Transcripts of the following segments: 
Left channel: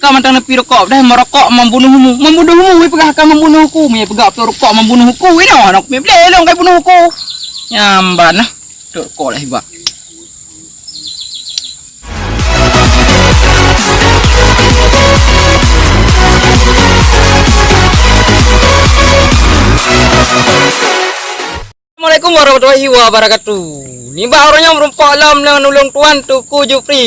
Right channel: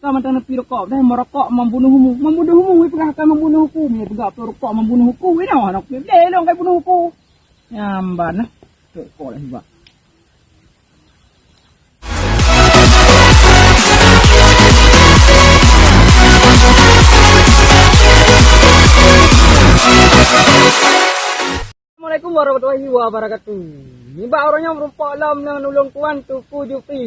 Kau mantang nepi rokok dah merokok membunuhmu. Membunuhmu pegah kau membunuhku. Me pegah rokok membunuhku. Ini anak me belong kau bunuhku. Nyamban nah. Rokok lah hibak. Assalamualaikum warahmatullahi wabarakatuh. Ni orangnya merompak alam dengan nolong tuan Tuku Jupri.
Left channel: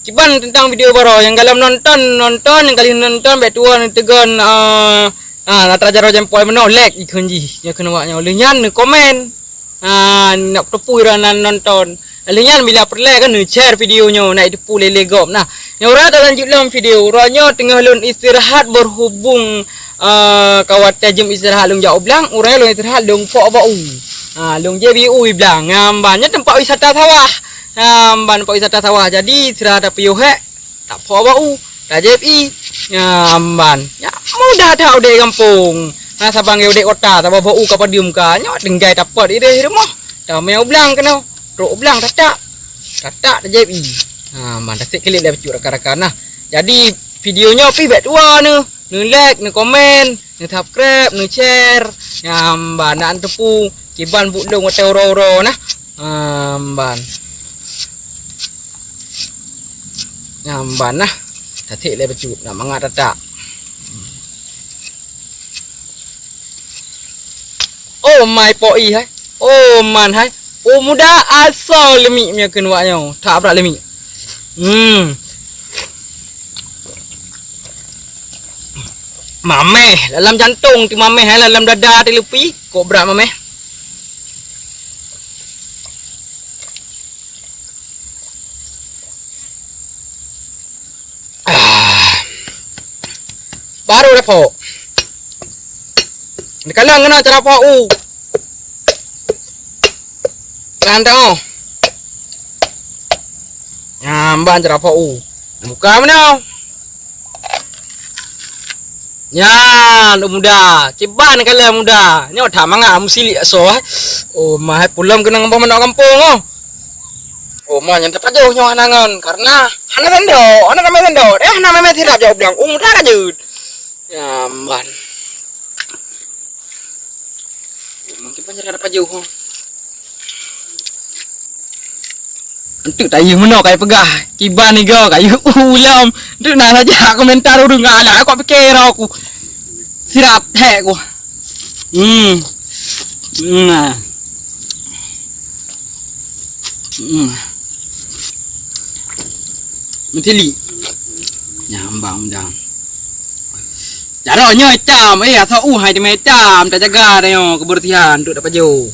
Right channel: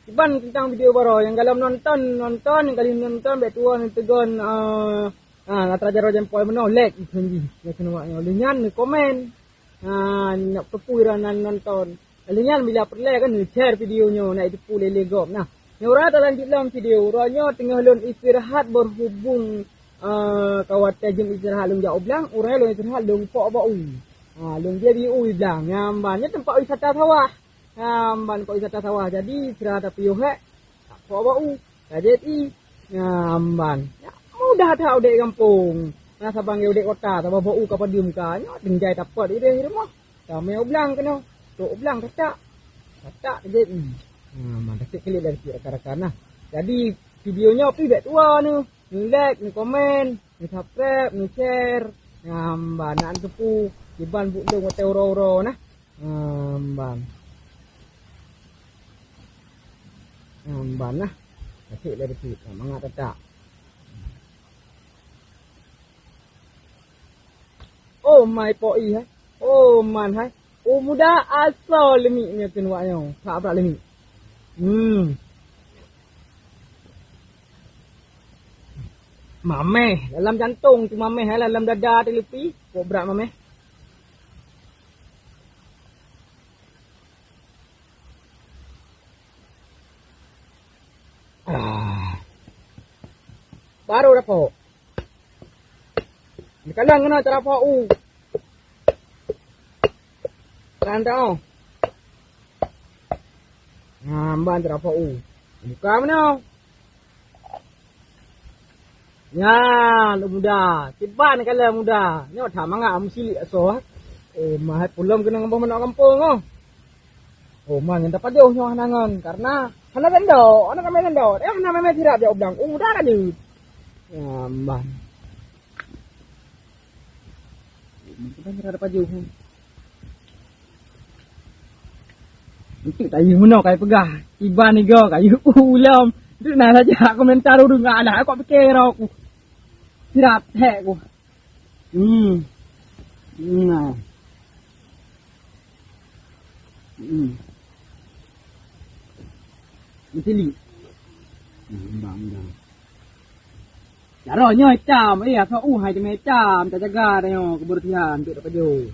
Ciban tentang video baru yang dalam nonton yang kali nonton baik tuan tegan natra jaro jempol menolek ikunji ya kena waknya olehnya ne komen nak tepu iranan nonton olehnya bila perle kan ne share videonya nak tepu lele gom. Nah yang orang tak lanjut dalam video orangnya tengah lun istirahat berhubung kawat tajam istirahat lung jauh belang orangnya lung istirahat lung fok bau lung JBU belang banyak tempat wisata sawah ban tempat wisata sawah jadi istirahat ada piyuh tak fok bau tak JBI ban ya mudah dah udah kampung sabang udah kota tak bau ka padium ka nyok denggai dapat ide rumah dah mau belang kena rok belang tak JBI ban tasik kelik dah becuk rakan-rakan nah jadi videonya pi bet tua ni like, ni komen, ni subscribe, ni share. Ban nak tepu kiban budung atau oro-oro nah. Ban. Ban nah. Tatik le becut nak mangat tak. Oh my poi hai. Oh man hai. Oh muda asal lemik punya kenuaknya. Tak berat lemik. Mameh dalam jantung ti mameh dalam dada ti lepi kok berat mameh baru dah pok dikalang kena cara pok kan tau nyamban cara pok buka mana ya, lu muda, ciban kala muda. Ni otak mangga musili so. Oh, mah pulang kena ngapa mana kampung. Oh, mah yang dapat jauh nyawa nangan karena hana tendo, ana kami tendo. Hana meme tirap jauh bilang, muda ka jud. Ya, man. Mungkin banyak dapat jauh. Untuk tayu mana kayak pegah kiban ni go kayu ulam tu nak saja komentar urung ala aku fikir aku sirap hek aku mentili nyambang dang jaronya cam sau hai di macam tak jaga dah kebersihan untuk dapat jauh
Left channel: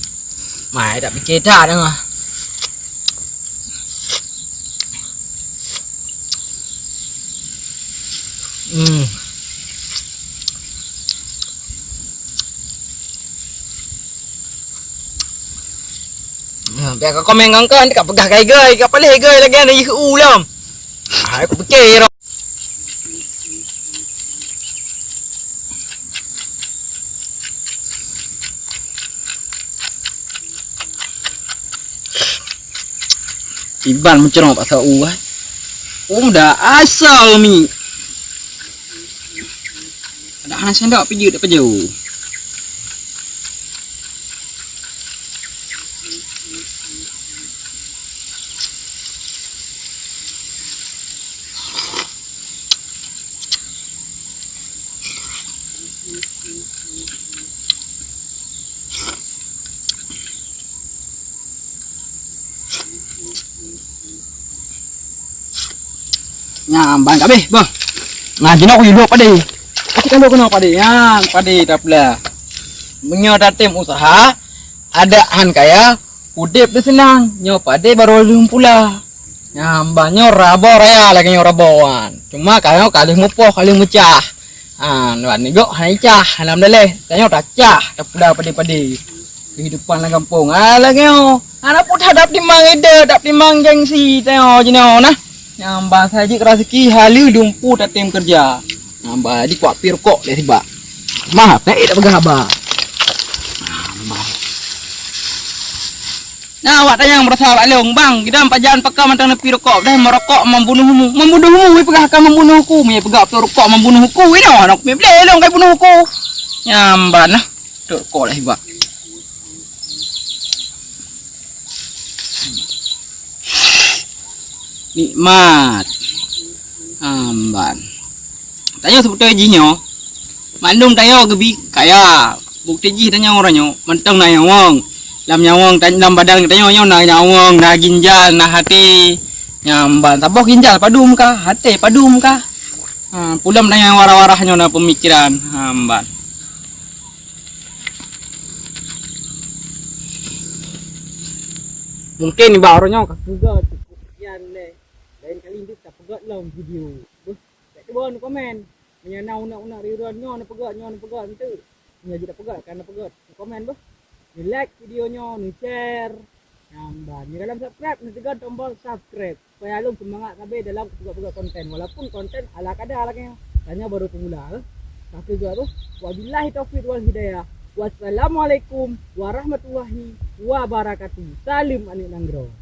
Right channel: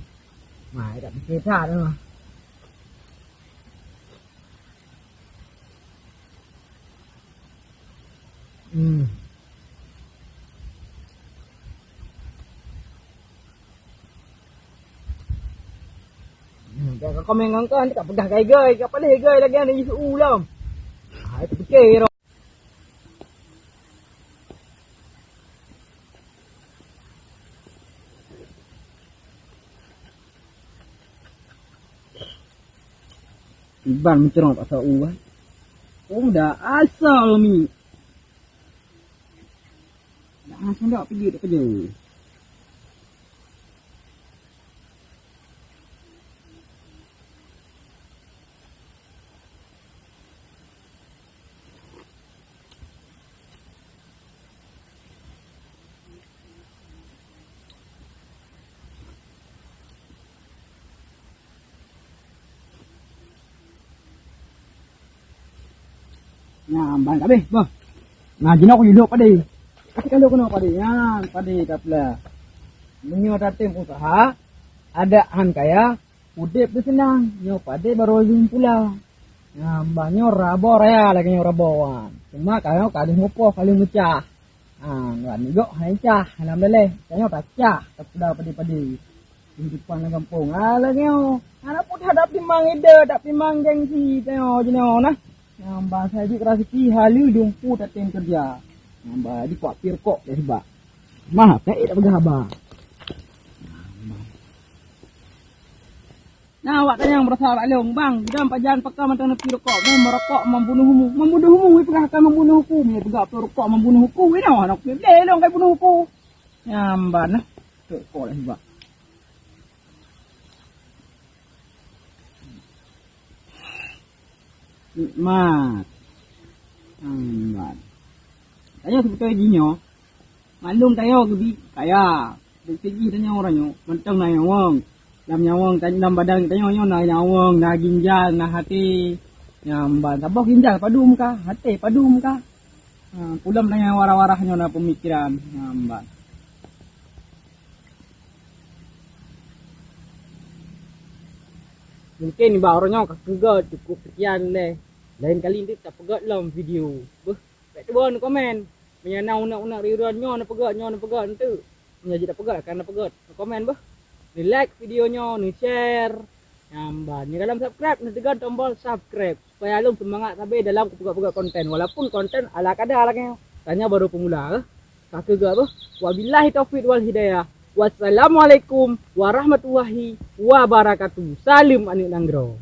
mai tak fikir dah dah biar kau komen ngangkan dekat pegah gai kat pelih gai lagi ada ihu lam aku fikir iban mencerong pasal dah asal mi ada hana sendok pergi tak jauh. Nyambang kabeh, bang. Nah, jenok hidup pade. Kalau kena pade, yang pade tak pula. Menyo tim usaha, adaan kaya, udip dia senang. Nyo pade baru lum pula. Nyambangnya rabo raya lagi nyo raboan. Cuma kaya kali mupoh kali mecah. Nuan ni gok hai cah, alhamdulillah. Kaya tak cah, tak pula pade-pade. Kehidupan dalam kampung. Lagi nyo. Anak pun hadap timang ide, tak timang gengsi tengok jenau nah. Nyambang saja kerasiki halu dumpu tak tim kerja. Nyambang di kuat pir kok le tiba. Maaf tak pegah ba. Nah, awak tanya yang berasa along, bang, kita empat jalan pakai mantang nepi rokok, dah merokok membunuhmu, pegah akan membunuhku, punya pegah rokok membunuhku, ini anak punya belong kayak bunuhku. Nyamban nah, rokok lah hebat. Nikmat. Amban. Tanya seperti jinyo. Mandum tayo gebi kaya. Bukti ji tanya orangnya, mantang na nyawang. Lam nyawang dalam badan tanya na nyawang, na ginjal, na hati. Nyamban tabok ginjal padum ka, hati padum ka. Pulam tanya warah-warahnya na pemikiran. Amban. Mungkin barunya kagak cukup sekian leh. Lain kali nanti tak pegat dalam video. Beh, kat tuan komen. Menyana unak-unak riruannya na pegat nanti. Nya jadi pegat kan pegat. Komen beh. Ni like videonya, ni share. Nyamban. Ni dalam subscribe, ni tekan tombol subscribe supaya alung semangat sampai dalam pegat-pegat konten. Walaupun konten ala kadar lagi. Tanya baru pemula. Kagak beh. Wabillahi taufiq wal hidayah. Wassalamualaikum warahmatullahi wabarakatuh. Salim Anik Nanggro.